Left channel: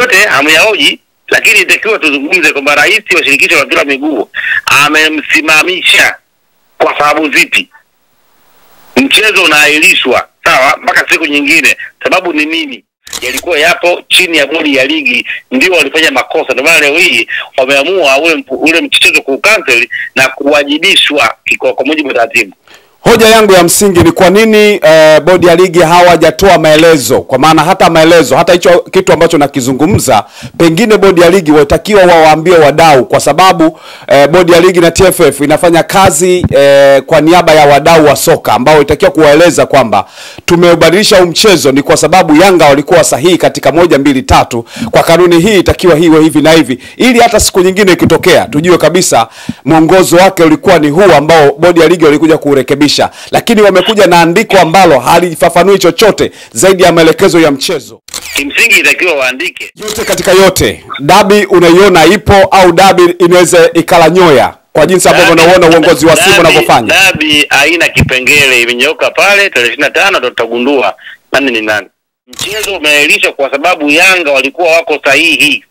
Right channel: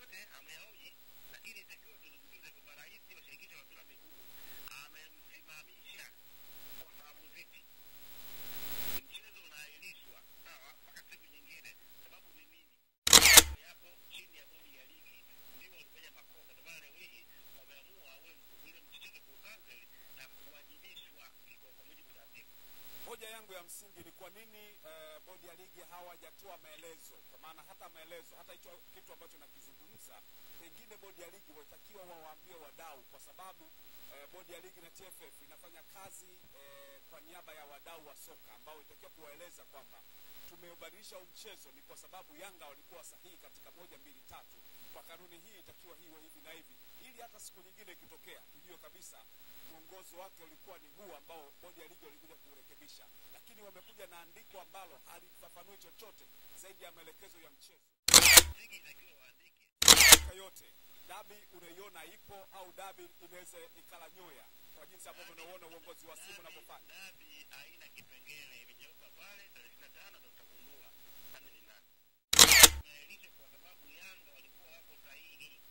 yote hamyaoji, lakini itakiwa tuzungumze kwamba rais wa shirikisho la mpira wa miguu amemsimamisha kwa sababu zipi? Mchezo unaahirishwa, sawa, mpaka siku nyingine. Sababu ni nini? Yalikuwa yapo chini ya bodi ya ligi, ndio walifanya makosa. Ndio maana leo hii wameamua ule mchezo kucancel na kuwajibishwa kwa mujibu wa taratibu. Hoja yangu ya msingi ni kwa nini bodi ya ligi hawajatoa maelezo? Kwa maana hata maelezo, hata hicho kitu ambacho nakizungumza, pengine bodi ya ligi watakiwa wawaambie wadau, kwa sababu bodi ya ligi na TFF inafanya kazi kwa niaba ya wadau wa soka ambao itakiwa kuwaeleza kwamba tumeubadilisha mchezo ni kwa sababu Yanga walikuwa sahihi katika 1 2 3, kwa kanuni hii itakiwa hiwe hivi na hivi, ili hata siku nyingine ikitokea tujue kabisa mwongozo wake ulikuwa ni huu ambao bodi ya ligi walikuja kurekebisha. Lakini wamekuja na andiko ambalo halifafanui chochote zaidi ya maelekezo ya mchezo. Kimsingi itakiwa waandike yote katika yote. Dabi unaiona ipo au dabi inaweza ikala nyoya kwa jinsi ambavyo unaona uongozi wa Simba unavyofanya? Dabi haina kipengele, imenyoka pale. Tarehe 25 tutagundua nani ni nani. Mchezo umeahirishwa kwa sababu Yanga walikuwa wako sahihi.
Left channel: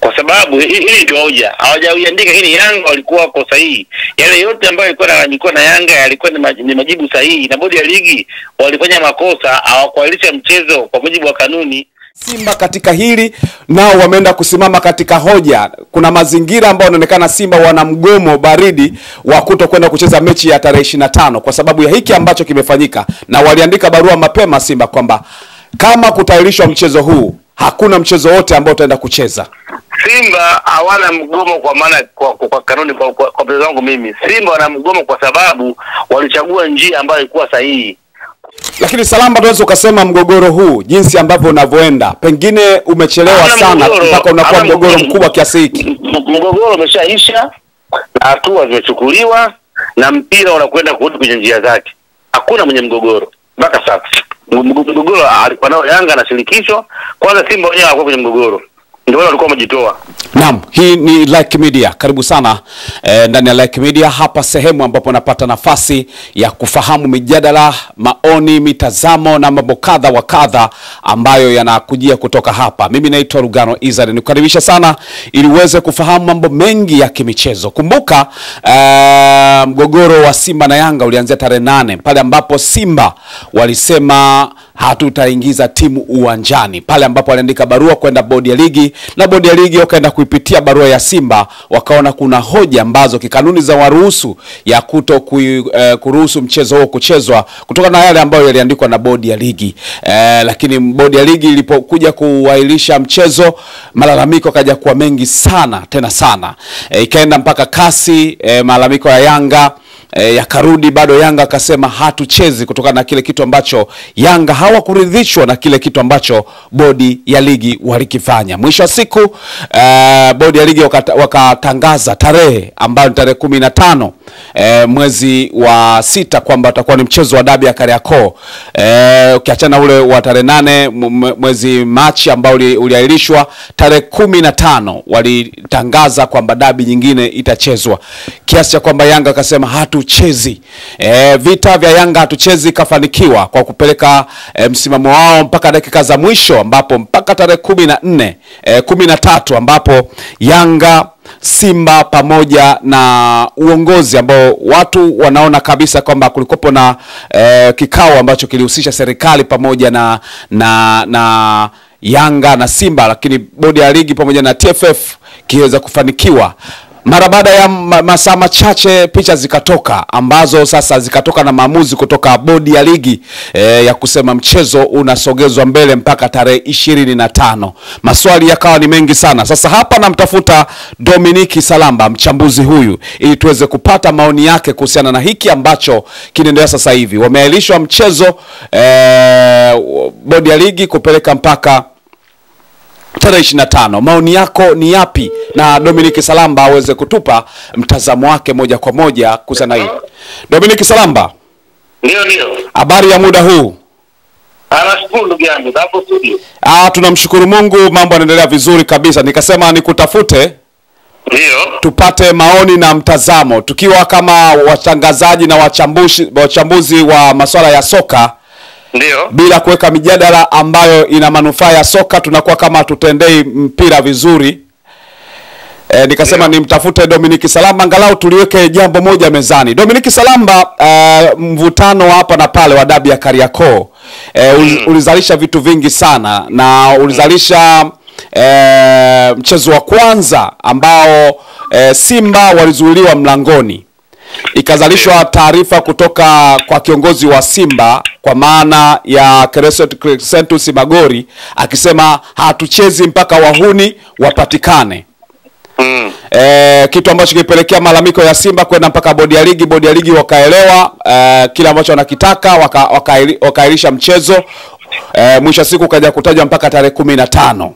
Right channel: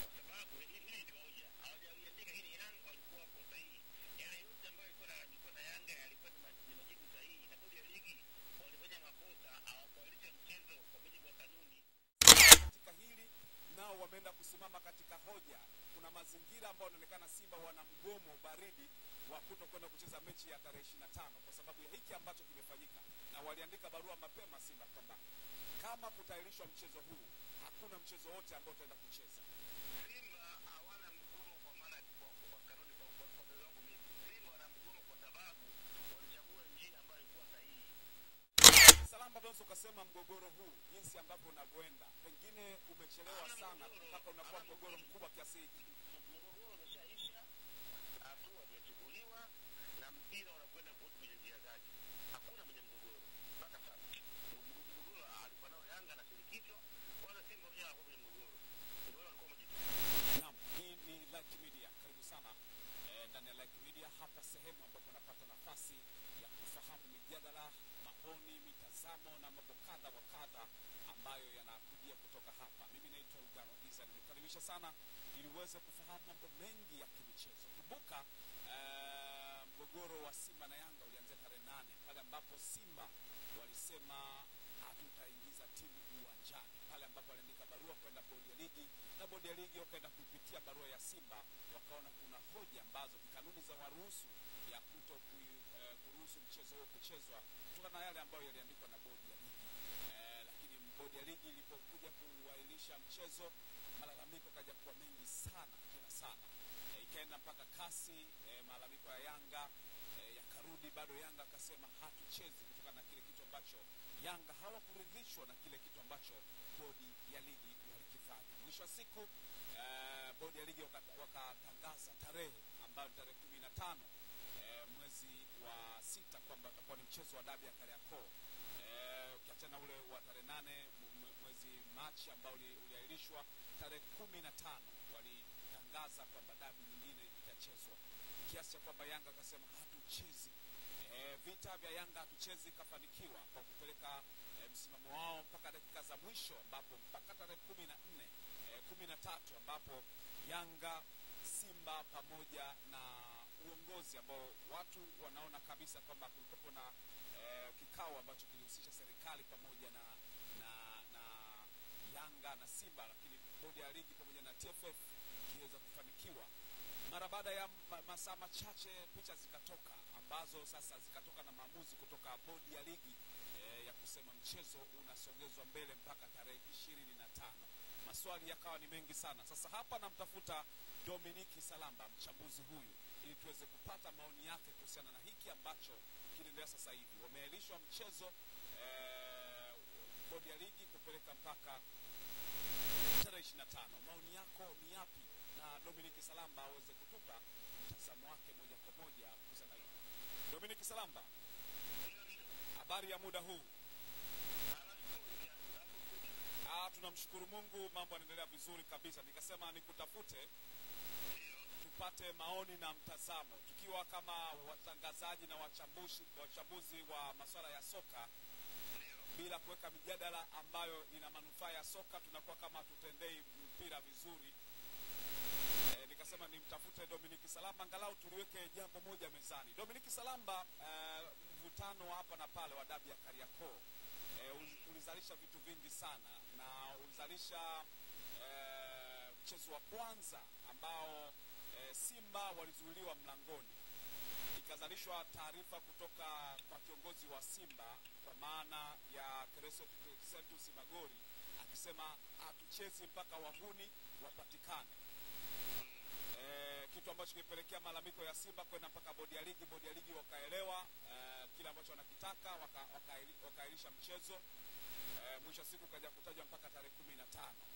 Kwa sababu hili ndio hoja. Hawajaandika hili, Yanga walikuwa wako sahihi. Yale yote ambayo yalikuwa na Yanga yalikuwa ni majibu sahihi, na bodi ya ligi walifanya makosa, hawakuahirisha mchezo kwa mujibu wa kanuni. Simba katika hili nao wameenda kusimama katika hoja. Kuna mazingira ambayo yanaonekana Simba wana mgomo baridi wa kutokwenda kucheza mechi ya tarehe 25 kwa sababu ya hiki ambacho kimefanyika, na waliandika barua mapema Simba kwamba kama kutairishwa mchezo huu hakuna mchezo wote ambao utaenda kucheza. Simba hawana mgomo kwa maana kwa kanuni, kwa mtazamo wangu mimi. Simba wana mgomo kwa sababu walichagua njia ambayo ilikuwa sahihi. Lakini Salamba, tunaweza ukasema mgogoro huu jinsi ambavyo unavyoenda pengine umechelewa sana mpaka unakuwa mgogoro mkubwa kiasi hiki. Mgogoro umeshaisha na hatua zimechukuliwa na mpira unakwenda kurudi kwenye njia zake. Hakuna mwenye mgogoro mpaka sasa. Mgogoro alikuwa nao Yanga na shirikisho. Kwanza Simba wenyewe hawakuwa kwenye mgogoro, ndio wale walikuwa wamejitoa. Naam, hii ni Like Media. Karibu sana ndani ya Like Media, hapa sehemu ambapo napata nafasi ya kufahamu mijadala, maoni, mitazamo na mambo kadha wa kadha ambayo yanakujia kutoka hapa. Mimi naitwa Lugano Izari. Nikukaribisha sana ili uweze kufahamu mambo mengi ya kimichezo. Kumbuka mgogoro wa Simba na Yanga ulianzia tarehe 8 pale ambapo Simba walisema hatutaingiza timu uwanjani, pale ambapo waliandika barua kwenda bodi ya ligi, na bodi ya ligi wakaenda kuipitia barua ya Simba, wakaona kuna hoja ambazo kikanuni za waruhusu ya kuruhusu mchezo huo kuchezwa kutokana na yale ambayo yaliandikwa na bodi ya ligi. Lakini bodi ya ligi ilipokuja kuahirisha mchezo, malalamiko kaja kuwa mengi sana, tena sana. Ikaenda mpaka kasi, malalamiko ya Yanga yakarudi, bado Yanga akasema hatuchezi kutokana na kile kitu ambacho Yanga hawakuridhishwa na kile kitu ambacho bodi ya ligi walikifanya. Mwisho wa siku bodi ya ligi wakatangaza tarehe ambayo ni tarehe 15 mwezi wa 6 kwamba utakuwa ni mchezo wa dabi ya Kariakoo. Ukiachana ule wa tarehe 8 mwezi Machi ambao uliahirishwa, tarehe 15 walitangaza kwamba dabi nyingine itachezwa, kiasi cha kwamba Yanga akasema hatuchezi. Vita vya Yanga hatuchezi kafanikiwa kwa kupeleka msimamo wao mpaka dakika za mwisho, ambapo mpaka tarehe 13 ambapo Yanga, Simba pamoja na uongozi ambao watu wanaona kabisa kwamba kulikopo na kikao ambacho kilihusisha serikali pamoja na Yanga na Simba, lakini bodi ya ligi pamoja na TFF kiweza kufanikiwa. Mara baada ya masaa machache picha zikatoka ambazo sasa zikatoka na maamuzi kutoka bodi ya ligi ya kusema mchezo unasogezwa mbele mpaka tarehe 25. Maswali yakawa ni mengi sana. Sasa hapa namtafuta Dominic Salamba, mchambuzi huyu, ili tuweze kupata maoni yake kuhusiana na hiki ambacho kinaendelea sasa hivi. Wameahirishwa mchezo bodi ya ligi kupeleka mpaka tarehe 25. Maoni yako ni yapi? Na Dominic Salamba aweze kutupa mtazamo wake moja kwa moja kuhusiana hili. Dominic Salamba. Ndio. Habari ya muda huu? Nashukuru ndugu yangu, hapo studio. Tunamshukuru Mungu, mambo yanaendelea vizuri kabisa. Nikasema nikutafute ndio tupate maoni na mtazamo tukiwa kama watangazaji na wachambuzi wa masuala ya soka. Ndio. Bila kuweka mijadala ambayo ina manufaa ya soka tunakuwa kama hatutendei mpira vizuri. Nikasema nimtafute Dominic Salamba angalau tuliweke jambo moja mezani. Dominic Salamba, mvutano hapa na pale wa dabi ya Kariakoo ulizalisha vitu vingi sana, na ulizalisha mchezo wa kwanza ambao Simba walizuiliwa mlangoni. Ikazalishwa taarifa kutoka kwa kiongozi wa Simba kwa maana ya Crescentus Magori akisema hatuchezi mpaka wahuni wapatikane. Kitu ambacho kilipelekea malalamiko ya Simba kwenda mpaka bodi ya ligi wakaelewa kile ambacho wanakitaka, wakairisha mchezo. Mwisho siku kaja kutajwa mpaka tarehe 15.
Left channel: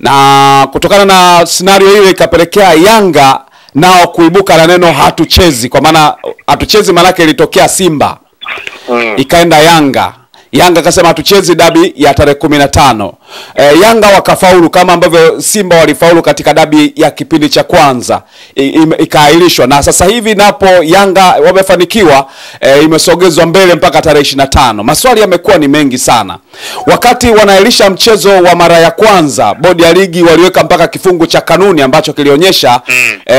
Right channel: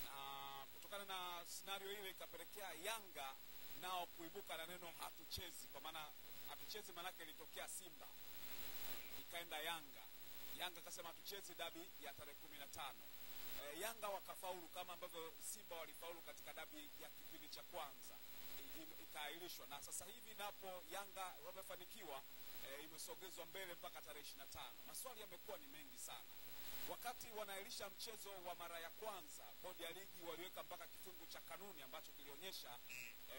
Na kutokana na scenario ile ikapelekea Yanga nao kuibuka na neno hatuchezi, kwa maana hatuchezi manake ilitokea Simba ikaenda Yanga akasema hatuchezi dabi ya tarehe 15. Yanga wakafaulu kama ambavyo Simba walifaulu katika dabi ya kipindi cha kwanza, ikaahirishwa, na sasa hivi napo Yanga wamefanikiwa, imesogezwa mbele mpaka tarehe 25. Maswali yamekuwa ni mengi sana. Wakati wanaahirisha mchezo wa mara ya kwanza, bodi ya ligi waliweka mpaka kifungu cha kanuni ambacho kilionyesha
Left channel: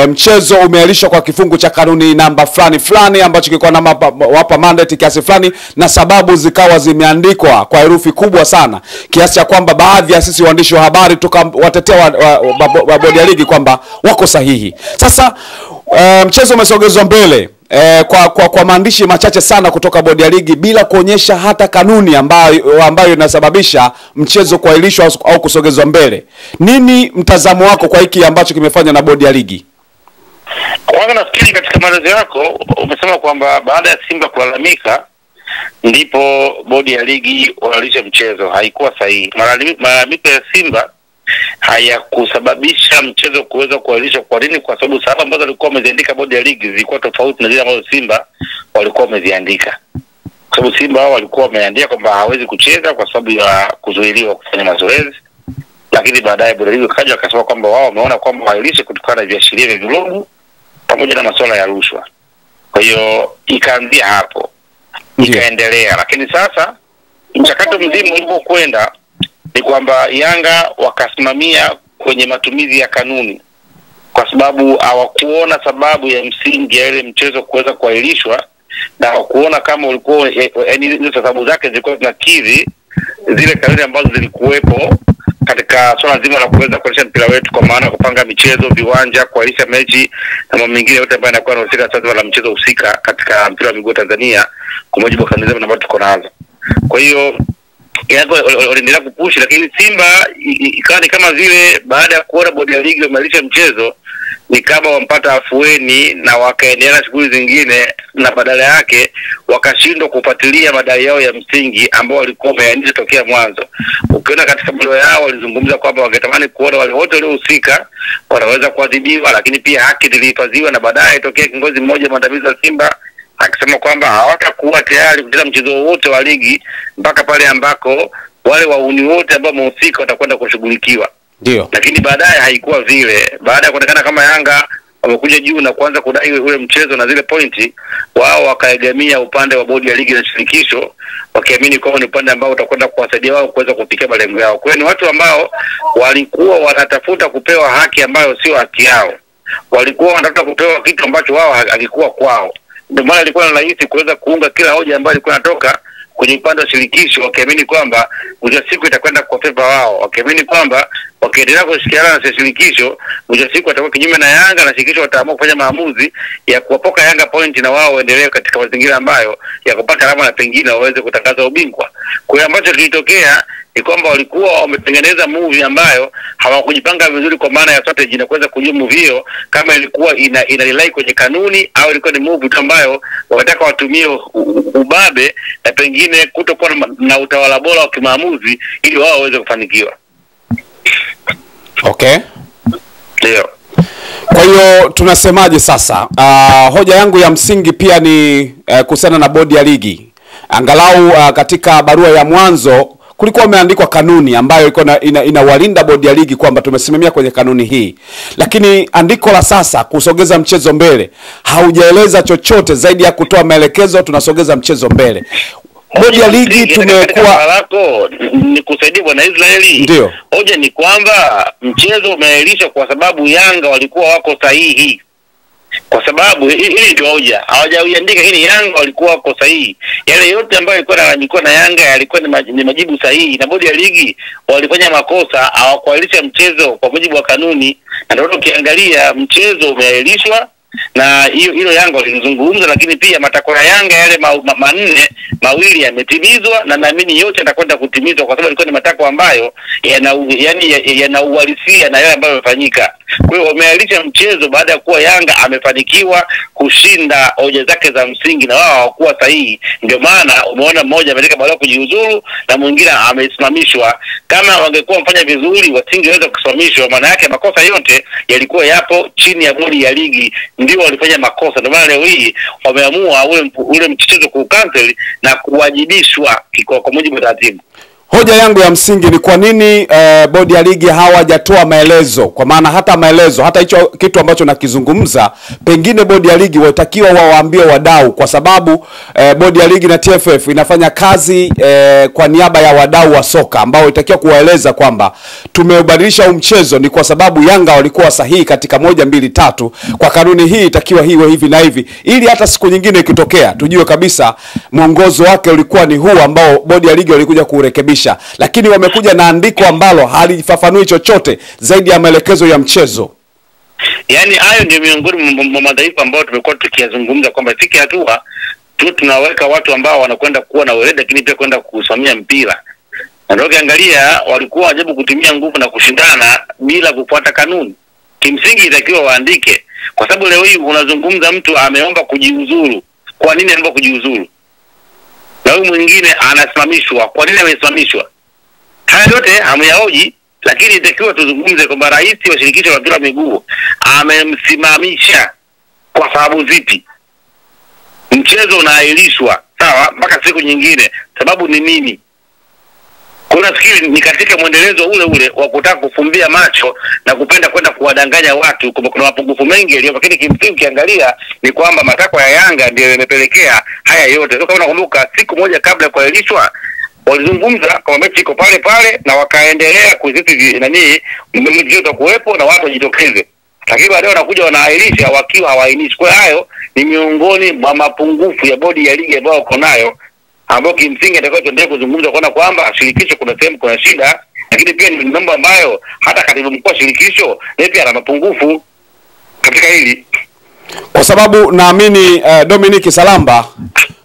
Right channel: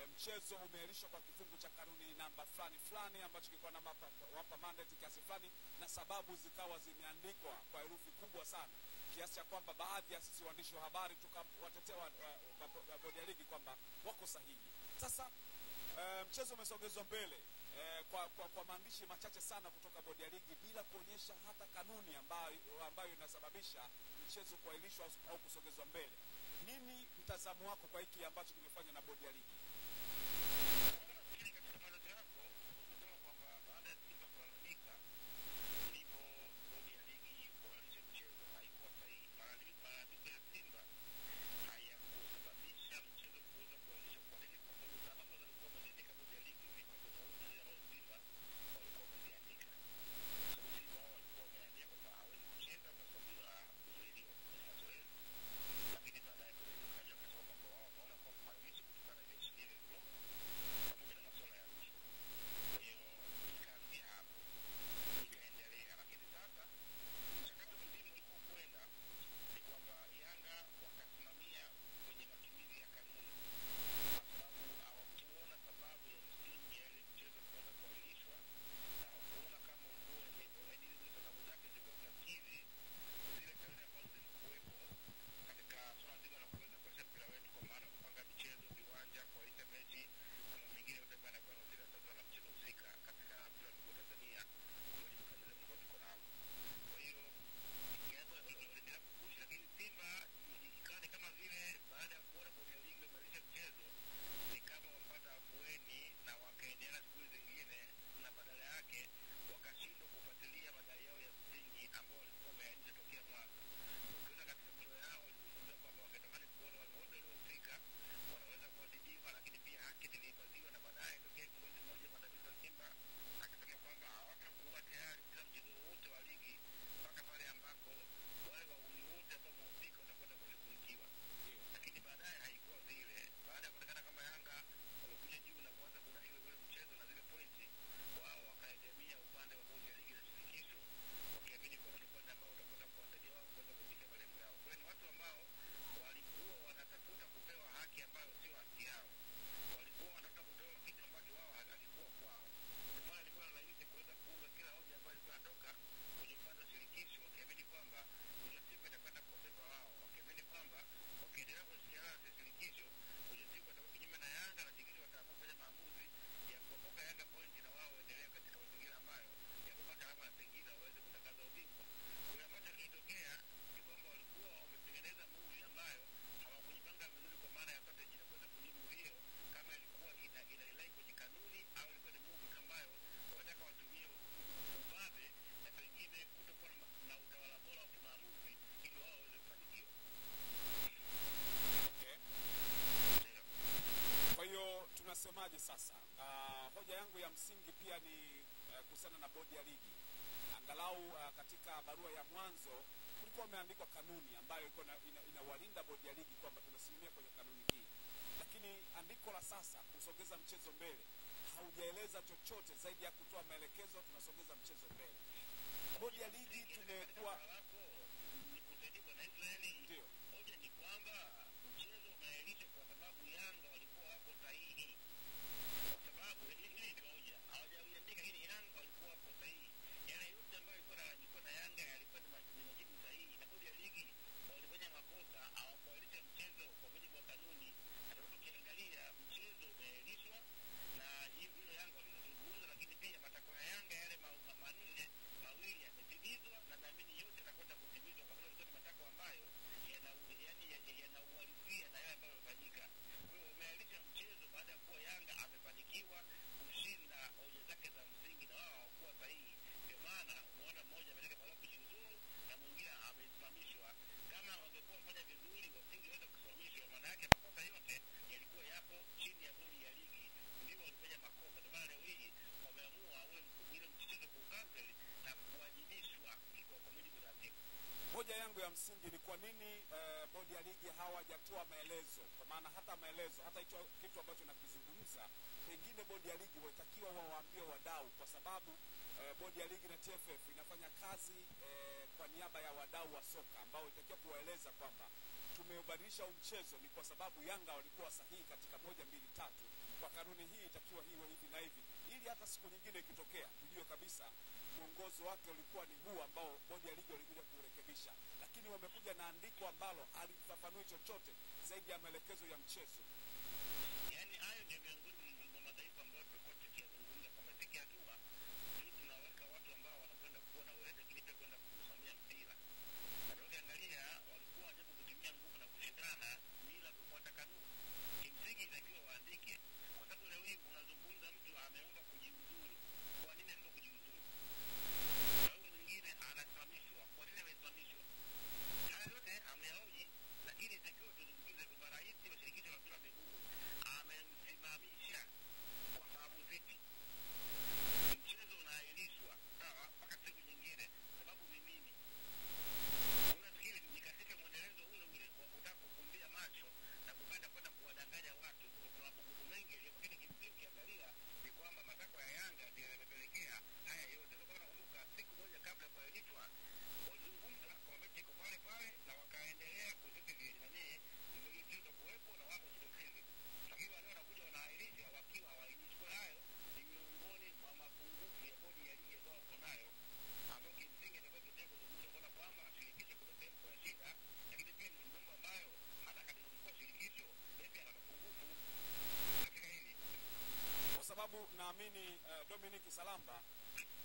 mchezo umeahirishwa kwa kifungu cha kanuni namba fulani ambacho kilikuwa na wapa mandate kiasi fulani, na sababu zikawa zimeandikwa kwa herufi kubwa sana kiasi cha kwamba baadhi ya sisi waandishi wa habari tukawatetea wa bodi ya ligi kwamba wako sahihi. Sasa mchezo umesogezwa mbele kwa maandishi machache sana kutoka bodi ya ligi bila kuonyesha hata kanuni ambayo inasababisha mchezo kuahirishwa au kusogezwa mbele. Nini mtazamo wako kwa hiki ambacho kimefanywa na bodi ya ligi? Kwanza nafikiri katika maelezo yako umesema kwamba baada ya Simba kulalamika ndipo bodi ya ligi walisha mchezo. Haikuwa sahihi. Malalamiko ya Simba hayakusababisha mchezo kuweza kuahirishwa. Kwa nini? Kwa sababu sababu ambazo walikuwa wameziandika bodi ya ligi zilikuwa tofauti na zile ambazo Simba walikuwa wameziandika. Kwa sababu Simba wao walikuwa wameandika kwamba hawezi kucheza kwa sababu ya kuzuiliwa kufanya mazoezi, lakini baadaye bodi ya ligi kaja akasema kwamba wao wameona kwamba wailishe kutokana na viashiria vya vilogu pamoja na masuala ya rushwa. Kwa hiyo ikaanzia hapo, ikaendelea. Lakini sasa mchakato mzima ulipokwenda ni kwamba Yanga wakasimamia kwenye matumizi ya kanuni, kwa sababu hawakuona sababu ya msingi ya ile mchezo kuweza kuahirishwa, na hawakuona kama ulikuwa yaani sababu zake zilikuwa zinakidhi zile kanuni ambazo zilikuwepo katika swala zima la kuweza kuendesha mpira wetu, kwa maana kupanga michezo, viwanja, kuahirisha mechi na mambo mengine yote ambayo yanakuwa yanahusika sasa la mchezo husika katika mpira wa miguu Tanzania kwa mujibu wa kanuni ambazo tuko nazo. Kwa hiyo Yanga waliendelea kupushi, lakini Simba ikawa ni kama vile baada ya kuona bodi ya ligi wamalisha mchezo ni kama wampata afueni na wakaendelea na shughuli zingine, na badala yake wakashindwa kufuatilia madai yao ya msingi ambao walikuwa wameainisha tokea mwanzo. Ukiona katika barua yao walizungumza kwamba wangetamani kuona wale wote waliohusika wanaweza kuadhibiwa, lakini pia haki zilihifadhiwa, na baadaye tokea kiongozi mmoja mwandamizi wa Simba akisema kwamba hawatakuwa tayari kucheza mchezo wote wa ligi mpaka pale ambako wale wauni wote ambao wamehusika watakwenda kushughulikiwa. Ndio. Lakini baadaye haikuwa vile. Baada ya kuonekana kama Yanga wamekuja juu na kuanza kudai ule mchezo na zile pointi, wao wakaegemea upande wa bodi ya ligi na shirikisho, wakiamini kwamba ni upande ambao utakwenda kuwasaidia wao kuweza kufikia malengo yao. Kwa hiyo ni watu ambao walikuwa wanatafuta kupewa haki ambayo sio haki yao. Walikuwa wanatafuta kupewa kitu ambacho wao hakikuwa kwao. Ndio maana ilikuwa ni rahisi kuweza kuunga kila hoja ambayo ilikuwa inatoka kwenye upande wa shirikisho, wakiamini kwamba mwisho siku itakwenda kwa favor wao, wakiamini kwamba wakiendelea kushirikiana na shirikisho mwisho siku watakuwa kinyume na Yanga, na shirikisho wataamua kufanya maamuzi ya kuwapoka Yanga point na wao waendelee katika mazingira ambayo ya kupata alama na pengine waweze kutangaza ubingwa. Kwa hiyo ambacho kilitokea ni kwamba walikuwa wametengeneza movie ambayo hawakujipanga vizuri kwa maana ya strategy na kuweza kujua movie hiyo kama ilikuwa ina rely kwenye kanuni au ilikuwa ni movie ambayo wanataka watumie ubabe na pengine kutokuwa na utawala bora wa kimaamuzi ili wao waweze kufanikiwa. Okay. Ndio. Kwa hiyo tunasemaje sasa? Hoja yangu ya msingi pia ni kuhusiana na bodi ya ligi. Angalau katika barua ya mwanzo kulikuwa umeandikwa kanuni ambayo ilikuwa inawalinda bodi ya ligi kwamba tumesimamia kwenye kanuni hii. Lakini andiko la sasa kusogeza mchezo mbele haujaeleza chochote zaidi ya kutoa maelekezo tunasogeza mchezo mbele. bodi ya ligi tumekuwa lako nikusaidia bwana Israeli. Ndio. Hoja ni kwamba mchezo umeahirishwa kwa sababu Yanga walikuwa wako sahihi. Kwa sababu hili ndio hoja. Hawajaiandika hili, Yanga walikuwa wako sahihi. Yale yote ambayo yalikuwa na Yanga yalikuwa ni majibu sahihi, na bodi ya ligi walifanya makosa, hawakuahirisha mchezo kwa mujibu wa kanuni. Na ndio ukiangalia mchezo umeahirishwa, na hilo Yanga walizungumza, lakini pia matakwa ya Yanga yale manne mawili yametimizwa, na naamini yote yatakwenda kutimizwa kwa sababu ilikuwa ni matakwa ambayo yana uhalisia na yale ambayo yamefanyika. Kwa hiyo wameahirisha mchezo baada ya kuwa Yanga amefanikiwa kushinda hoja zake za msingi na wao hawakuwa sahihi. Ndio maana umeona mmoja ameleka barua kujiuzuru na mwingine amesimamishwa. Kama wangekuwa mfanya vizuri wasingeweza kusimamishwa, maana yake makosa yote yalikuwa yapo chini ya bodi ya ligi, ndio walifanya makosa. Ndio maana leo hii wameamua ule mchezo kucancel na kuwajibishwa kwa mujibu wa taratibu. Hoja yangu ya msingi ni kwa nini bodi ya ligi hawajatoa maelezo, kwa maana hata hicho kitu ambacho nakizungumza pengine bodi ya ligi watakiwa wawaambie wadau, kwa sababu bodi ya ligi na TFF inafanya kazi kwa niaba ya wadau wa soka ambao itakiwa kuwaeleza kwamba tumeubadilisha mchezo ni kwa sababu Yanga walikuwa sahihi katika 1 2 3, kwa kanuni hii itakiwa hiwe hivi na hivi, ili hata siku nyingine ikitokea tujue kabisa mwongozo wake ulikuwa ni huu ambao bodi ya ligi walikuja kurekebisha. Lakini wamekuja na andiko ambalo halifafanui chochote zaidi ya maelekezo ya mchezo. Yaani hayo ndio miongoni mwa madhaifu ambao tumekuwa tukiyazungumza kwamba fiki hatua tunaweka watu ambao wanakwenda kuwa na weledi lakini pia kwenda kusimamia mpira. Na ndio ukiangalia walikuwa wajibu kutumia nguvu na kushindana bila kufuata kanuni. Kimsingi itakiwa waandike, kwa sababu leo hii unazungumza mtu ameomba kujiuzuru. Kwa nini ameomba kujiuzuru? Na huyu mwingine anasimamishwa. Kwa nini amesimamishwa? Haya yote hamyaoji, lakini itakiwa tuzungumze kwamba rais wa shirikisho la mpira wa miguu amemsimamisha kwa sababu zipi? Mchezo unaahirishwa, sawa, mpaka siku nyingine. Sababu ni nini? Kuna fikiri ni katika mwendelezo ule wa kutaka kufumbia macho na kupenda kwenda kuwadanganya watu kwamba kuna mapungufu mengi yaliyo, lakini kimsingi ukiangalia ni kwamba matakwa ya Yanga ndio yamepelekea haya yote. Sio kama unakumbuka siku moja kabla ya kuahirishwa walizungumza kama mechi iko pale pale na wakaendelea kuziti mchezo utakuwepo na watu wajitokeze. Lakini baadaye wanakuja wanaahirisha wakiwa hawainishi. Kwa hayo ni miongoni mwa mapungufu ya bodi ya ligi ambayo uko nayo, ambao kimsingi atakao tuendelee kuzungumza kuona kwamba shirikisho kuna sehemu kuna shida, lakini pia ni mambo ambayo hata katibu mkuu wa shirikisho yeye pia ana mapungufu katika hili. Kwa sababu naamini Dominic Salamba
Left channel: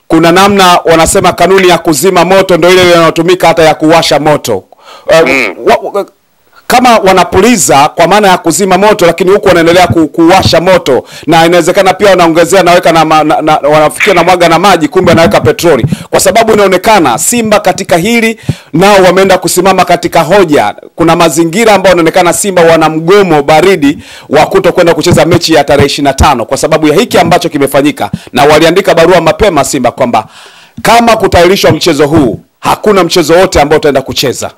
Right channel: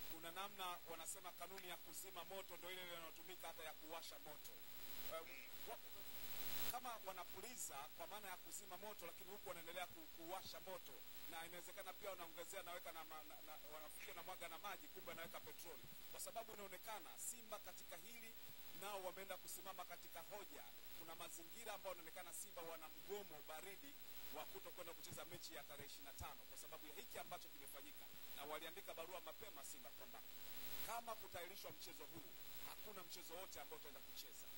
kuna namna wanasema kanuni ya kuzima moto ndio ile inayotumika hata ya kuwasha moto. Kama wanapuliza kwa maana ya kuzima moto, lakini huku wanaendelea kuwasha moto, na inawezekana pia wanaongezea naweka wanafikia na mwaga na maji, kumbe anaweka petroli, kwa sababu inaonekana Simba katika hili nao wameenda kusimama katika hoja. Kuna mazingira ambayo inaonekana Simba wana mgomo baridi wa kutokwenda kucheza mechi ya tarehe 25 kwa sababu ya hiki ambacho kimefanyika, na waliandika barua mapema Simba kwamba kama kutairishwa mchezo huu hakuna mchezo wote ambao utaenda kucheza.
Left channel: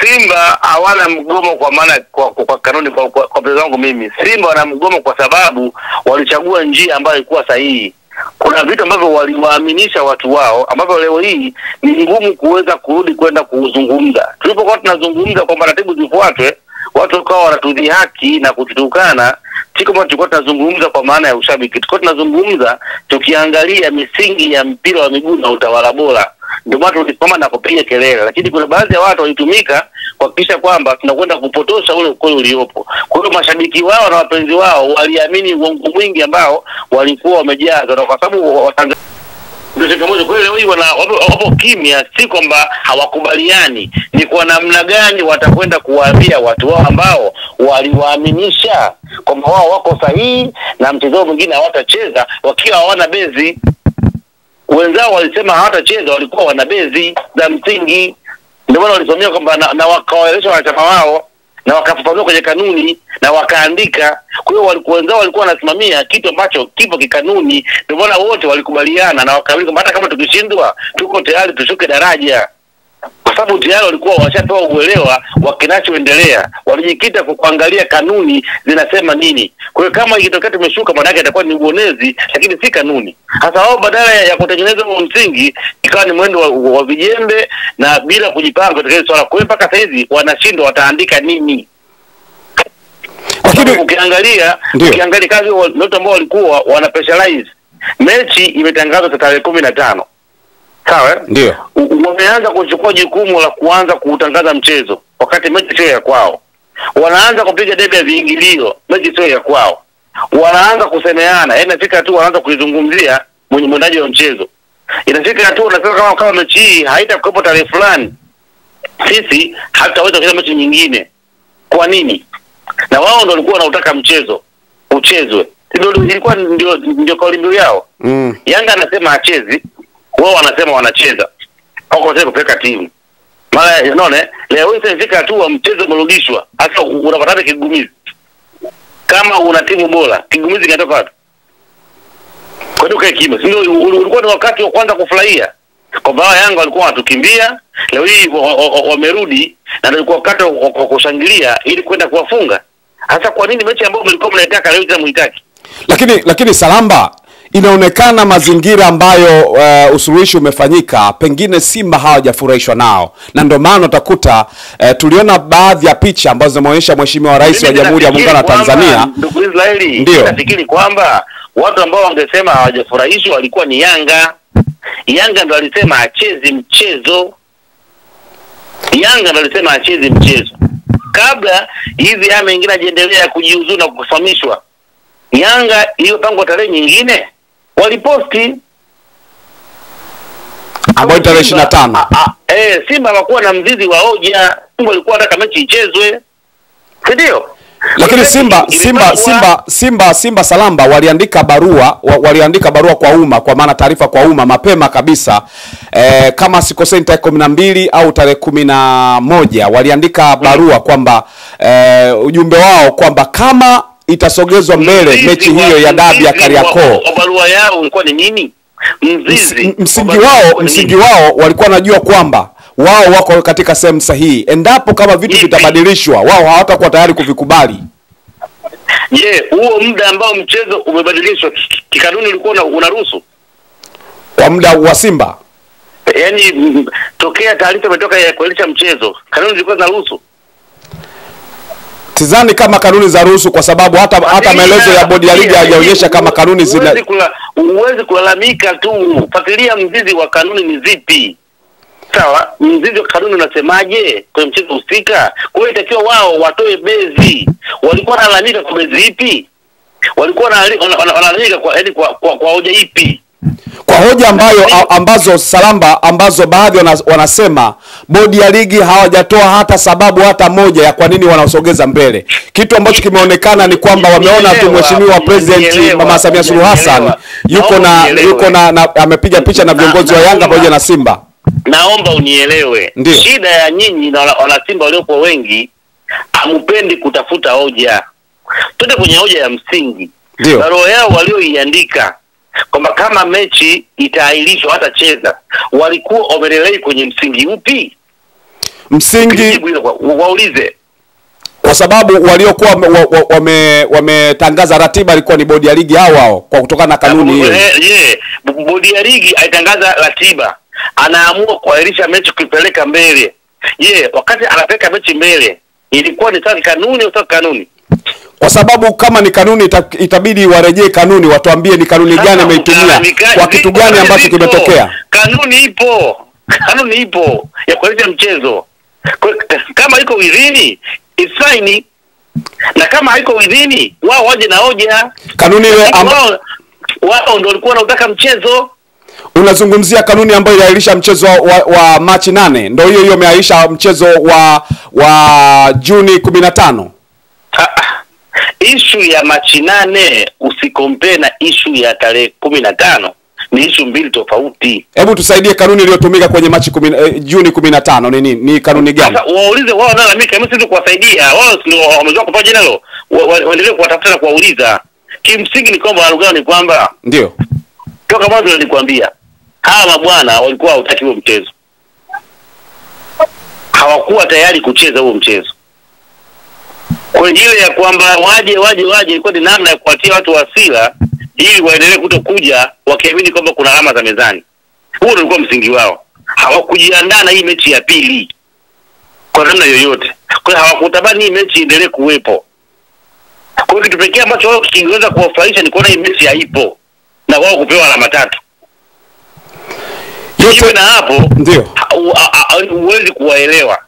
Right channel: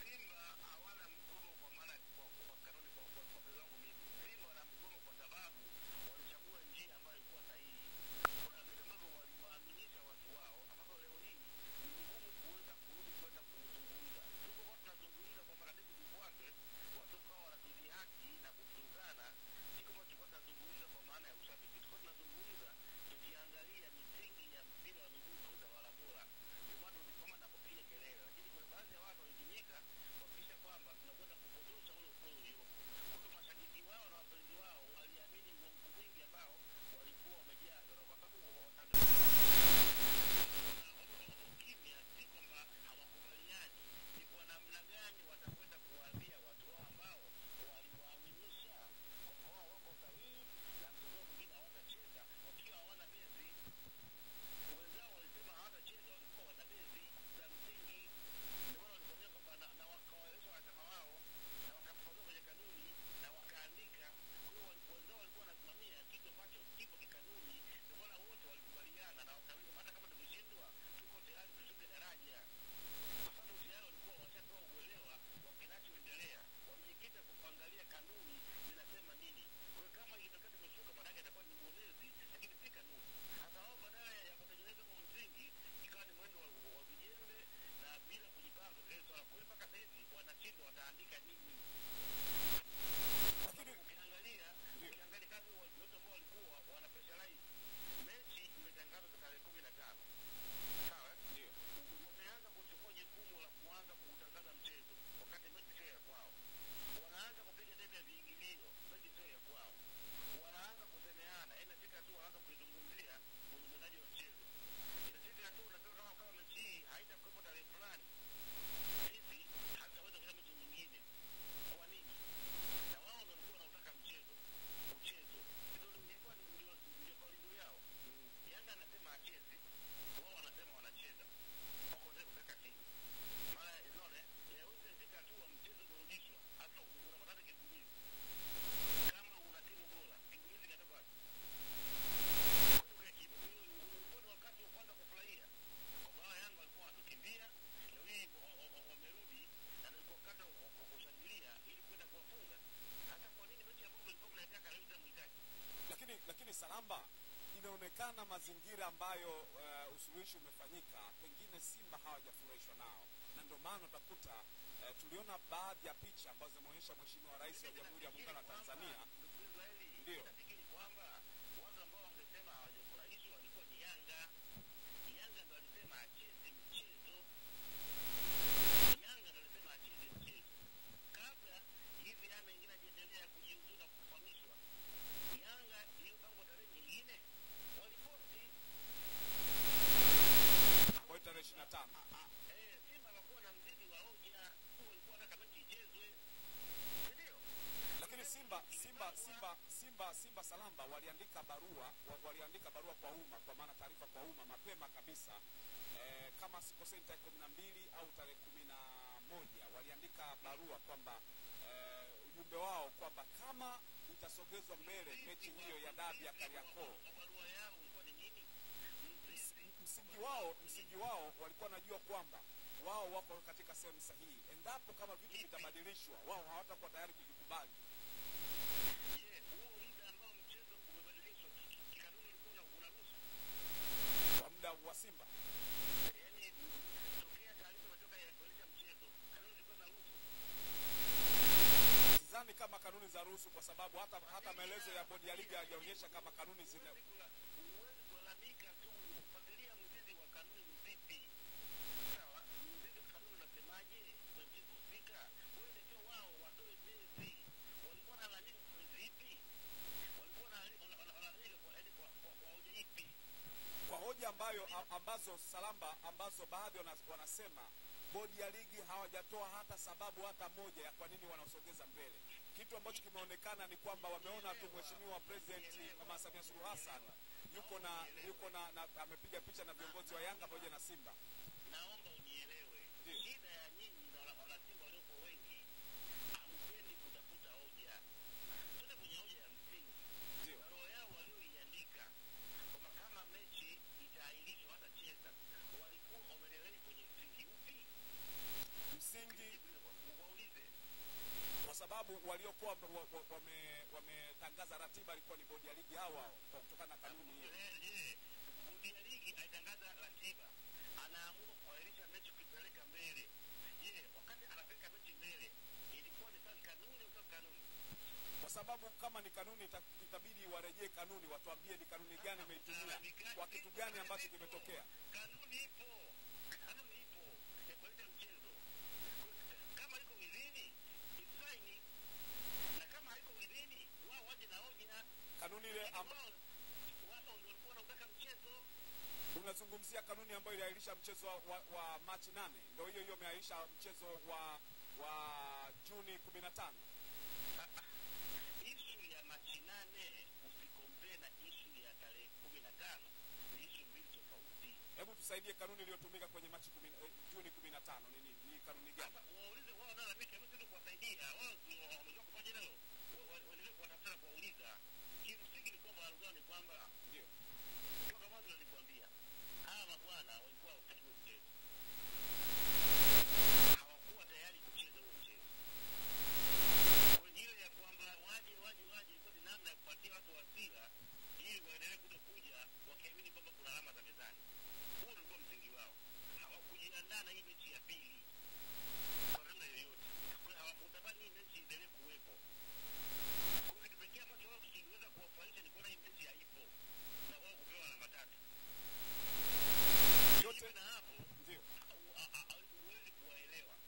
Simba hawana mgomo kwa maana kwa kanuni kwa mchezo wangu mimi. Simba wana mgomo kwa sababu walichagua njia ambayo ilikuwa sahihi. Kuna vitu ambavyo waliwaaminisha watu wao ambavyo leo hii ni ngumu kuweza kurudi kwenda kuzungumza. Tulipokuwa tunazungumza kwa taratibu zifuatwe, watu wakawa wanatudhihaki na kututukana. Siko kama tulikuwa tunazungumza kwa maana ya ushabiki. Tulikuwa tunazungumza tukiangalia misingi ya mpira wa miguu na utawala bora. Ndio maana tulisimama na kupiga kelele, lakini kuna baadhi ya watu walitumika kuhakikisha kwamba tunakwenda kupotosha ule ukweli uliopo. Kwa hiyo mashabiki wao na wapenzi wao waliamini uongo mwingi ambao walikuwa wamejaza, na kwa sababu Watanzania ndio changamoto. Kwa hiyo wapo kimya, si kwamba hawakubaliani, ni kwa namna gani watakwenda kuwaambia watu wao ambao waliwaaminisha kwamba wao wako sahihi na mchezo mwingine hawatacheza wakiwa hawana bezi. Wenzao walisema hawatacheza, walikuwa wana bezi za msingi. Ndio maana walisomea kwamba na wakawaeleza wanachama wao na wakafafanua kwenye kanuni na wakaandika. Kwa hiyo wenzao walikuwa wanasimamia kitu ambacho kipo kikanuni. Ndio maana wote walikubaliana na wakaamini kwamba hata kama tukishindwa tuko tayari tushuke daraja. kwa sababu tayari walikuwa washapewa uelewa wa kinachoendelea, walijikita kwa kuangalia kanuni zinasema nini. Kwa hiyo kama ikitokea tumeshuka, maana yake itakuwa ni uonezi, lakini si kanuni. Hasa wao badala ya kutengeneza huo msingi, ikawa ni mwendo wa vijembe na bila kujipanga katika swala. Kwa hiyo mpaka sasa hivi wanashindwa wataandika nini. Lakini ukiangalia kazi wote ambao walikuwa wana specialize, mechi imetangazwa tarehe 15. Sawa? Ndio. Wameanza kuchukua jukumu la kuanza kuutangaza mchezo wakati mechi sio ya kwao. Wanaanza kupiga debe ya viingilio, mechi sio ya kwao. Wanaanza kusemeana, inafika tu wanaanza kuizungumzia mwendaji wa mchezo. Inafika tu wanasema kama mechi hii haitakuwepo tarehe fulani, sisi hatutaweza kucheza mechi nyingine. Kwa nini? Na wao ndio walikuwa wanautaka mchezo uchezwe. Ndio ilikuwa ndio kauli mbiu yao. Yanga anasema achezi, wao wanasema wanacheza. Wako wanasema kupeleka timu. Mara unaona leo hii inafika tu mchezo umerudishwa. Hata unapata kigumizi. Kama una timu bora, kigumizi kinatoka wapi? Kwa hiyo kae kimya. Ndio ulikuwa ni wakati wa kwanza kufurahia. Kwa sababu Yanga walikuwa wanatukimbia, leo hii wamerudi na ndio wakati wa kushangilia ili kwenda kuwafunga. Hasa kwa nini mechi ambayo mlikuwa mnaitaka leo mnaitaki? Lakini Salamba, inaonekana mazingira ambayo usuluhishi umefanyika pengine Simba hawajafurahishwa nao, na ndio maana utakuta tuliona baadhi ya picha ambazo zinaonyesha Mheshimiwa Rais wa Jamhuri ya Muungano wa Tanzania. Ndugu Israeli, nafikiri kwamba watu ambao wangesema hawajafurahishwa walikuwa ni Yanga. Yanga ndio alisema achezi mchezo. Yanga ndio alisema achezi mchezo. Kabla hizi hame nyingine ajiendelea kujiuzuru na kufahamishwa, Yanga hiyo tangu tarehe nyingine waliposti ambayo tarehe 25. Simba hawakuwa na mzizi wa hoja. Simba walikuwa wanataka mechi ichezwe. Ndio. Lakini Simba Salamba waliandika barua kwa umma, kwa maana taarifa kwa umma mapema kabisa, kama sikosei tarehe 12 au tarehe 11 waliandika barua kwamba ujumbe wao kwamba kama itasogezwa mbele mechi hiyo ya dabi ya Kariakoo. Barua yao ilikuwa ni nini? Msingi wao walikuwa wanajua kwamba wao wako katika sehemu sahihi. Endapo kama vitu vitabadilishwa, wao hawatakuwa tayari kuvikubali. Huo muda ambao mchezo umebadilishwa kikanuni ulikuwa unaruhusu kwa muda wa Simba. Yaani tokea taarifa imetoka ya kuelisha mchezo, kanuni zilikuwa zinaruhusu. Sidhani kama kanuni za ruhusu, kwa sababu hata maelezo ya bodi ya ligi hayaonyesha kama kanuni zina. Uwezi kulalamika tu, fuatilia mzizi wa kanuni ni zipi. Sawa, mzizi wa kanuni unasemaje kwenye mchezo husika? Kwa hiyo itakiwa wao watoe bezi. Walikuwa wanalalamika kwa bezi ipi? Walikuwa wanalalamika kwa hoja ipi? Kwa hoja ambazo Salamba, ambazo baadhi wanasema bodi ya ligi hawajatoa hata sababu hata moja ya kwa nini wanasogeza mbele. Kitu ambacho kimeonekana ni kwamba wameona tu Mheshimiwa President Mama Samia Suluhu Hassan yuko na amepiga picha na viongozi wa Yanga pamoja na Simba. Naomba unielewe. Shida ya nyinyi na wana Simba waliopo wengi, hamupendi kutafuta hoja. Twende kwenye hoja ya msingi. Barua yao walioiandika kwamba kama mechi itaahirishwa hata cheza, walikuwa wamelelei kwenye msingi upi? Msingi waulize. Kwa sababu waliokuwa wametangaza ratiba ilikuwa ni bodi ya ligi hao kwa kutokana na kanuni hiyo. Bodi ya ligi aitangaza ratiba, anaamua kuahirisha mechi kuipeleka mbele. Wakati anapeleka mechi mbele, ilikuwa ni sawa kanuni au kanuni? Kwa sababu kama ni kanuni itabidi warejee kanuni, watuambie ni kanuni gani ameitumia, kwa kitu gani ambacho kimetokea. Kanuni ipo ya kuahirisha mchezo. Kama iko within it's fine, na kama haiko within wao waje na hoja. Kanuni ile wao ndio walikuwa wanataka mchezo. Unazungumzia kanuni ambayo iliahirisha mchezo wa Machi 8, ndio hiyo imeahirisha mchezo wa Juni 15. Issue ya Machi 8 usikompare na issue ya tarehe 15, ni issue mbili tofauti. Hebu tusaidie kanuni iliyotumika kwenye Machi Juni 15 ni nini? Ni kanuni gani? Sasa waulize wao, na mimi kama sisi kuwasaidia wao, ndio wamezoea kupata nalo, waendelee kuwatafuta na kuwauliza. Kimsingi ni kwamba lugha ni kwamba ndio toka mwanzo nilikwambia hawa mabwana walikuwa hawataki huo mchezo. hawakuwa tayari kucheza huo mchezo. Kwa ile ya kwamba waje ilikuwa ni namna ya kuatia watu hasira ili waendelee kutokuja wakiamini kwamba kuna alama za mezani. Huo ndio ulikuwa msingi wao. Hawakujiandaa na hii mechi ya pili kwa namna yoyote. Kwa hiyo hawakutamani hii mechi iendelee kuwepo. Kwa hiyo kitu pekee ambacho wao kingeweza kuwafurahisha ni kuona hii mechi haipo na wao kupewa alama 3. Yote na hapo ndio huwezi kuwaelewa.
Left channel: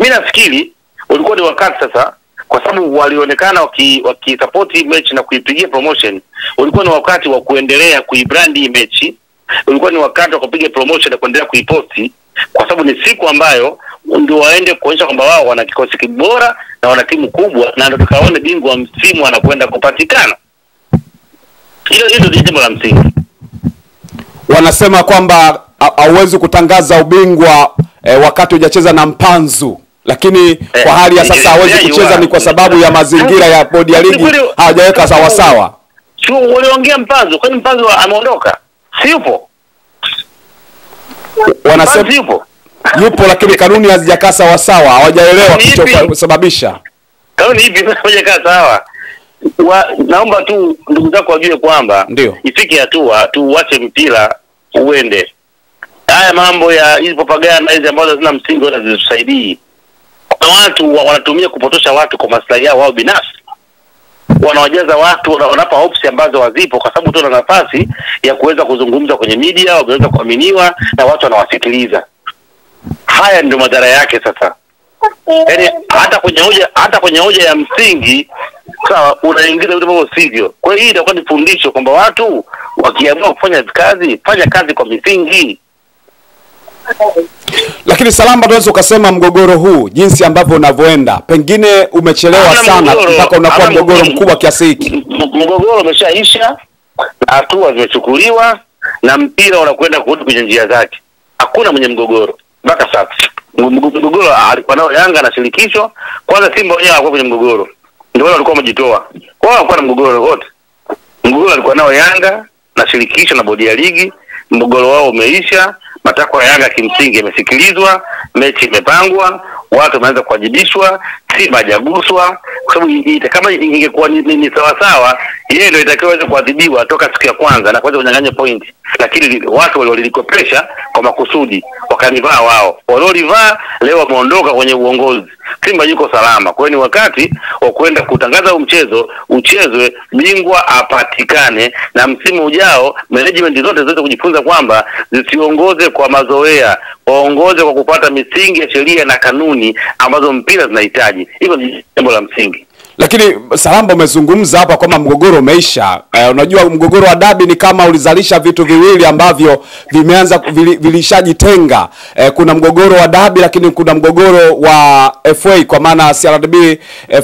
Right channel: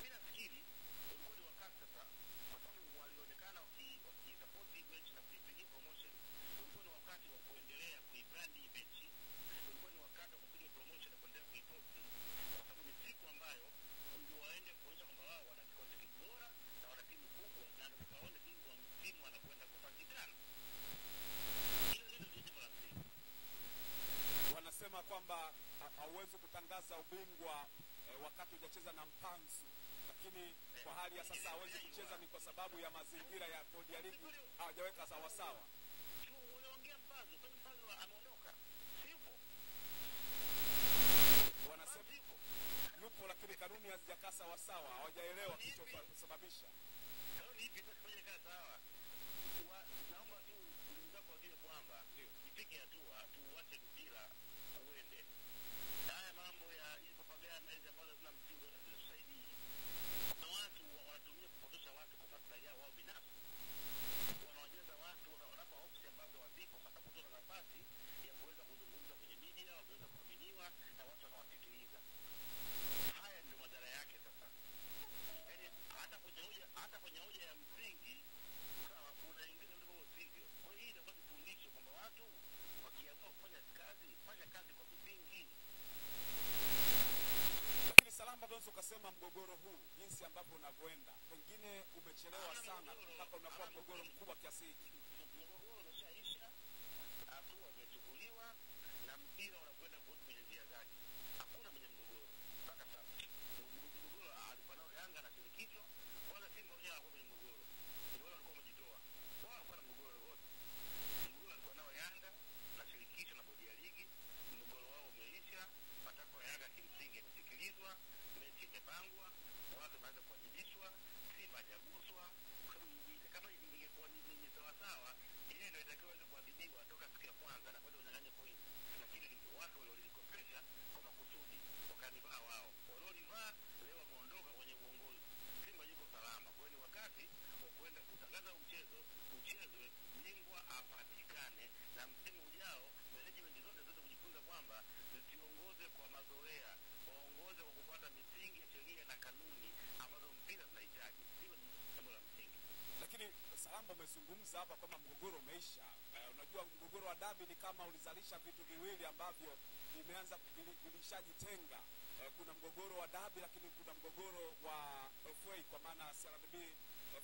Mimi nafikiri ulikuwa ni wakati sasa, kwa sababu walionekana wakisupport hii mechi na kuipigia promotion. Ulikuwa ni wakati wa kuendelea kuibrand hii mechi. Ulikuwa ni wakati wa kupiga promotion na kuendelea kuiposti, kwa sababu ni siku ambayo ndio waende kuonyesha kwamba wao wana kikosi kibora na wana timu kubwa, na ndio tukaone bingwa wa msimu anakwenda kupatikana. Hilo ndio jambo la msingi. Wanasema kwamba hauwezi kutangaza ubingwa wakati hujacheza na mpanzu, lakini kwa hali ya sasa hawezi kucheza ni kwa sababu ya mazingira ya bodi ya ligi hawajaweka sawa sawa. Sio waliongea mpanzu, kwani mpanzu ameondoka? Si yupo? Wanasema yupo lakini kanuni hazijakaa sawa sawa, hawajaelewa kilichosababisha. Kanuni ipi hazijakaa sawa? Naomba tu ndugu zako wajue kwamba ifike hatua tuache mpira uende. Haya mambo ya hizo propaganda hizi ambazo zina msingi wala zisisaidii. Kuna watu wanatumia kupotosha watu kwa maslahi yao wao binafsi. Wanawajaza watu, wanapa hopes ambazo hazipo, kwa sababu tu wana nafasi ya kuweza kuzungumza kwenye media, waweza kuaminiwa na watu wanawasikiliza. Haya ndio madhara yake sasa. Yaani hata kwenye hoja ya msingi sawa unaingiza vitu ambavyo sivyo. Kwa hiyo hii itakuwa ni fundisho kwamba watu wakiamua kufanya kazi, fanya kazi kwa misingi. Lakini Salamba, tunaweza ukasema mgogoro huu jinsi ambavyo unavyoenda pengine umechelewa sana mpaka unakuwa mgogoro mkubwa kiasi hiki. Mgogoro umeshaisha, hatua zimechukuliwa na mpira unakwenda kurudi kwenye njia zake. Hakuna mwenye mgogoro mpaka sasa. Mgogoro alikuwa nao Yanga na shirikisho. Kwanza Simba wenyewe walikuwa kwenye mgogoro, ndio wale walikuwa wamejitoa. Kwa hiyo hakuwa na mgogoro wote. Mgogoro alikuwa nao Yanga na shirikisho na bodi ya ligi. Mgogoro wao umeisha. Matakwa ya Yanga kimsingi yamesikilizwa, mechi imepangwa, watu wameanza kuwajibishwa, Simba hajaguswa, kwa sababu kama ingekuwa ni sawa sawa, yeye ndio itakiwa kuadhibiwa toka siku ya kwanza na kuweza kunyang'anya point. Lakini watu waliolikopesha kwa makusudi, wakanivaa wao. Waliolivaa leo wameondoka kwenye uongozi. Simba yuko salama. Kwa hiyo ni wakati wa kwenda kutangaza mchezo, uchezwe, bingwa apatikane, na msimu ujao management zote zote kujifunza kwamba zisiongoze kwa mazoea, waongoze kwa kupata misingi ya sheria na kanuni ambazo mpira zinahitaji. Hilo ni jambo la msingi. Lakini Salamba, umezungumza hapa kwamba mgogoro umeisha. Unajua mgogoro wa dabi ni kama ulizalisha vitu viwili ambavyo vimeanza vilishajitenga. Kuna mgogoro wa dabi, lakini kuna mgogoro wa FA kwa maana CRDB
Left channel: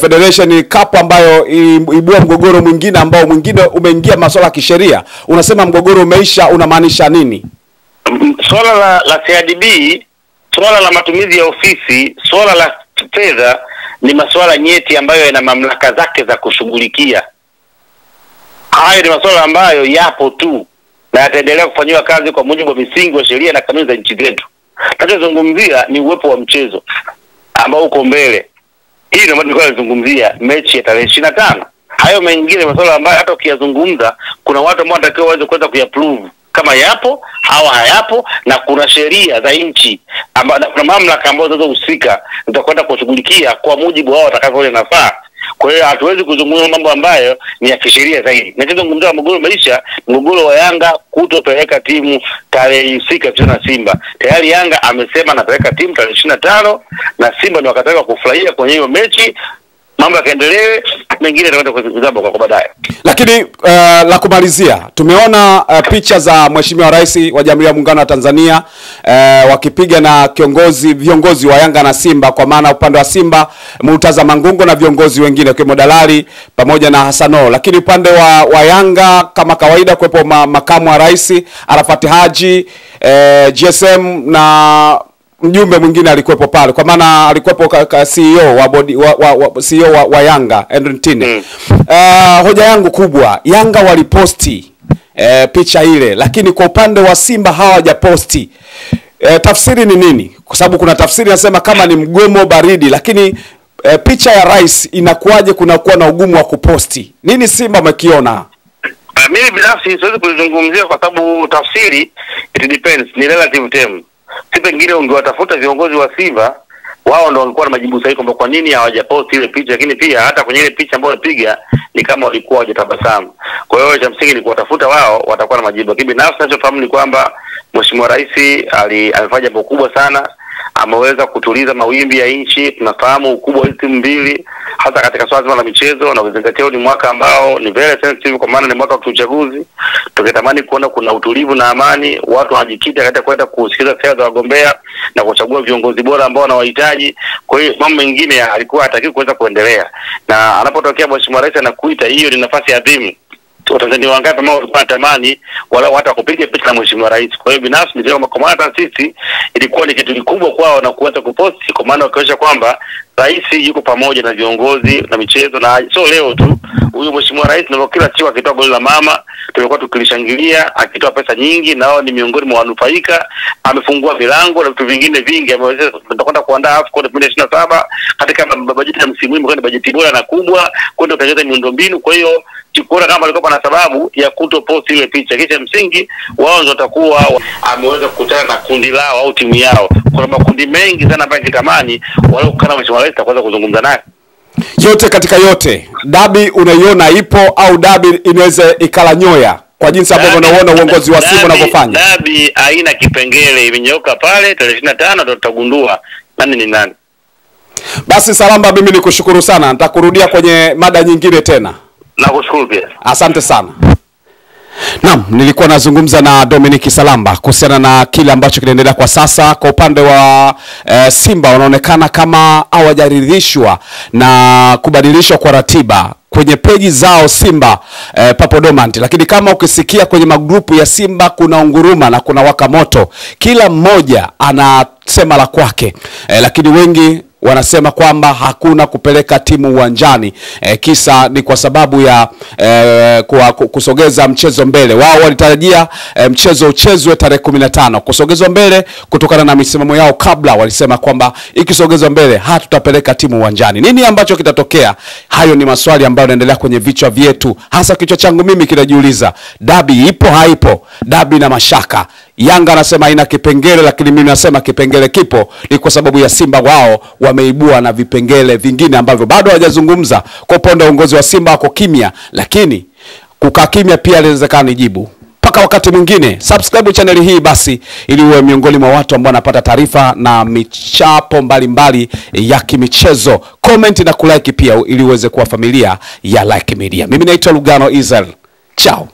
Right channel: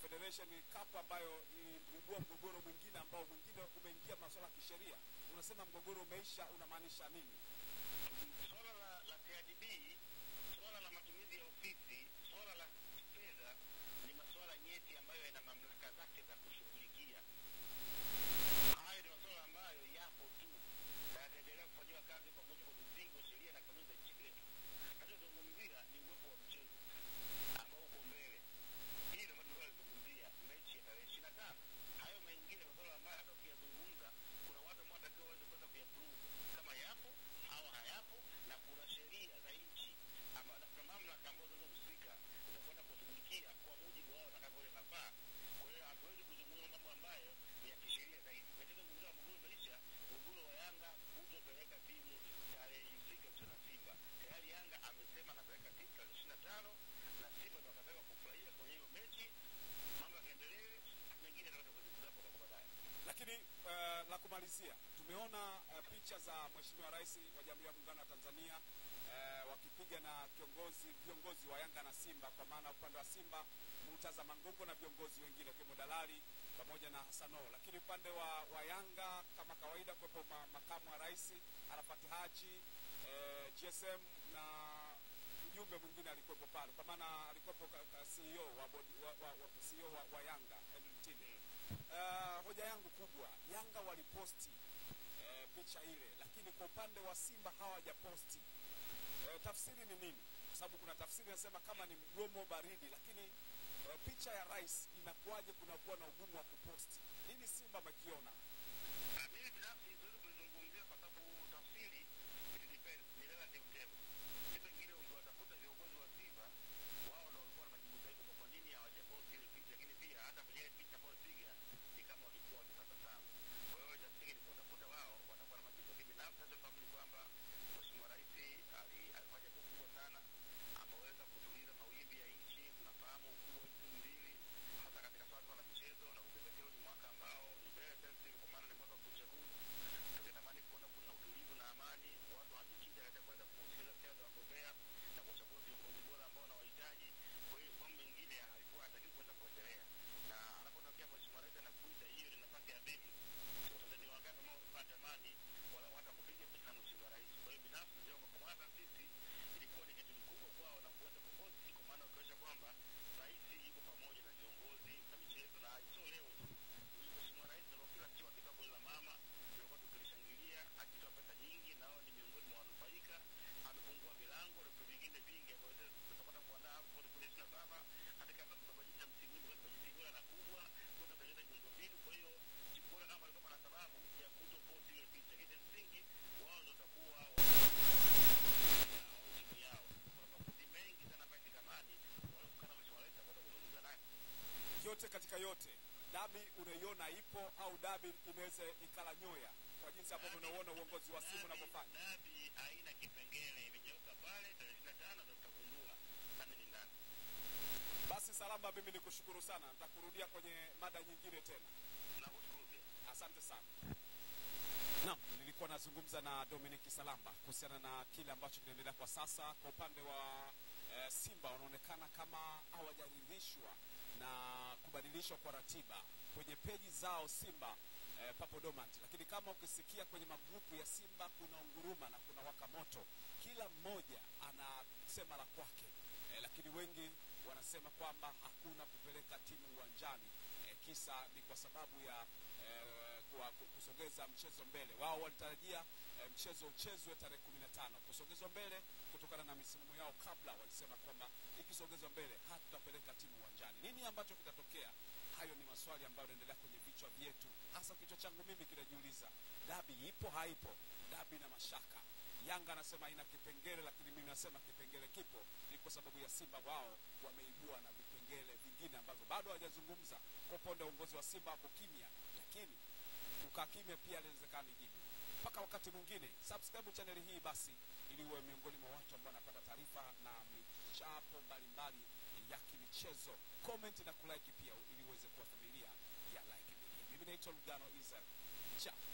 Federation Cup ambayo ibua mgogoro mwingine ambao mwingine umeingia masuala ya kisheria. Unasema mgogoro umeisha, unamaanisha nini? Swala la CRDB, swala la matumizi ya ofisi, swala la fedha ni masuala nyeti ambayo yana mamlaka zake za kushughulikia. Hayo ni masuala ambayo yapo tu na yataendelea kufanywa kazi kwa mujibu wa misingi wa sheria na kanuni za nchi zetu. Tunachozungumzia ni uwepo wa mchezo ambao uko mbele. Hii ndio maana tunazungumzia mechi ya tarehe 25. Hayo mengine masuala ambayo hata ukiyazungumza kuna watu ambao wanatakiwa waweze kuweza kuyaprove kama yapo au hayapo, na kuna sheria za nchi ambazo kuna mamlaka ambazo zinazohusika zitakwenda kushughulikia kwa mujibu wao watakavyoona nafaa. Kwa hiyo hatuwezi kuzungumza mambo ambayo ni ya kisheria zaidi. Ninachozungumzia mgogoro maisha, mgogoro wa Yanga kutopeleka timu tarehe husika tena Simba. Tayari Yanga amesema anapeleka timu tarehe 25 na Simba ndio wakataka kufurahia kwenye hiyo mechi. Mambo yakaendelee, mengine yatakwenda kuzaba kwa baadaye. Lakini la kumalizia, tumeona picha za Mheshimiwa Rais wa Jamhuri ya Muungano wa Tanzania wakipiga na viongozi wa Yanga na Simba, kwa maana upande wa Simba Murtaza Mangungu na viongozi wengine kwa Dalali pamoja na Hasano. Lakini upande wa Yanga kama kawaida kuwepo makamu wa rais Arafat Haji, GSM na mjumbe mwingine alikuwepo pale, kwa maana alikuwepo CEO wa CEO wa Yanga Endrintine. Hoja yangu kubwa, Yanga waliposti picha ile, lakini kwa upande wa Simba hawajaposti. tafsiri ni nini? Kwa sababu kuna tafsiri nasema kama ni mgomo baridi, lakini picha ya rais inakuwaje kunakuwa na ugumu wa kuposti? Nini Simba mkiona? Mimi binafsi siwezi kuzungumzia kwa sababu tafsiri it depends, ni relative term. Si pengine ungewatafuta viongozi wa Simba, wao ndio walikuwa na majibu sahihi kwamba kwa nini hawajaposti ile picha, lakini pia hata kwenye ile picha ambayo walipiga ni kama walikuwa hawajatabasamu. Kwa hiyo cha msingi ni kuwatafuta wao, watakuwa na majibu. Lakini binafsi ninachofahamu ni kwamba Mheshimiwa Rais amefanya jambo kubwa sana, ameweza kutuliza mawimbi ya nchi. Tunafahamu ukubwa wa timu mbili hasa katika swala la michezo, na kuzingatia ni mwaka ambao ni very sensitive kwa maana ni mwaka wa uchaguzi. Tungetamani kuona kuna utulivu na amani, watu wanajikita katika kwenda kusikiliza sera za wagombea na kuchagua viongozi bora ambao wanawahitaji. Kwa hiyo mambo mengine alikuwa hataki kuweza kuendelea, na anapotokea Mheshimiwa Rais anakuita, hiyo ni nafasi adhimu. Watanzania wangapi ambao walikuwa wanatamani wala hata kupiga picha na Mheshimiwa Rais. Kwa hiyo binafsi ndio kwa maana sisi ilikuwa ni kitu kikubwa kwao na kuweza kuposti, kwa maana wakionyesha kwamba rais yuko pamoja na viongozi na michezo. Na so leo tu huyu Mheshimiwa Rais ndio kila siku akitoa goli la mama tulikuwa tukilishangilia, akitoa pesa nyingi, nao ni miongoni mwa wanufaika. Amefungua milango na vitu vingine vingi, ameweza tutakwenda kuandaa AFCON 2027 katika bajeti ya msimu huu, ni bajeti bora na kubwa kwenda kutengeneza miundombinu. Kwa hiyo chukua kama alikuwa na sababu ya kutopost ile picha, kisha msingi wao ndio watakuwa ameweza kukutana na kundi lao au timu yao. Kuna makundi mengi sana ambayo kitamani wale kukana Mheshimiwa Rais atakwenda kuzungumza naye. Yote katika yote, dabi unaiona ipo au dabi inaweza ikala nyoya kwa jinsi ambavyo unaona uongozi wa Simba unavyofanya? Dabi haina kipengele, imenyooka pale. Tarehe 25 ndio tutagundua nani ni nani. Basi Salamba, mimi nikushukuru sana, nitakurudia kwenye mada nyingine tena. Nakushukuru pia. Asante sana. Naam, nilikuwa nazungumza na Dominic Salamba kuhusiana na kile ambacho kinaendelea kwa sasa. Kwa upande wa Simba wanaonekana kama hawajaridhishwa na kubadilishwa kwa ratiba kwenye peji zao Simba Papodomant, lakini kama ukisikia kwenye magrupu ya Simba kuna unguruma na kuna waka moto, kila mmoja anasema la kwake, lakini wengi wanasema kwamba hakuna kupeleka timu uwanjani. Kisa ni kwa sababu ya kusogeza mchezo mbele. Wao walitarajia mchezo uchezwe tarehe 15, kusogezwa mbele kutokana na misimamo yao kabla. Walisema kwamba ikisogezwa mbele hatutapeleka timu uwanjani. Nini ambacho kitatokea? Hayo ni maswali ambayo yanaendelea kwenye vichwa vyetu, hasa kichwa changu mimi kinajiuliza, dabi ipo haipo? Dabi na mashaka. Yanga anasema haina kipengele, lakini mimi nasema kipengele kipo. Ni kwa sababu ya Simba wao wameibua na vipengele vingine ambavyo bado hawajazungumza. Kwa upande wa uongozi wa Simba wako kimya, lakini kukaa kimya pia inawezekana ni jibu. Paka wakati mwingine, subscribe channel hii basi ili uwe miongoni mwa watu ambao wanapata taarifa na michapo mbalimbali ya kimichezo. Comment na kulike pia ili uweze kuwa familia ya Like Media. Mimi naitwa Lugano Israel. Ciao.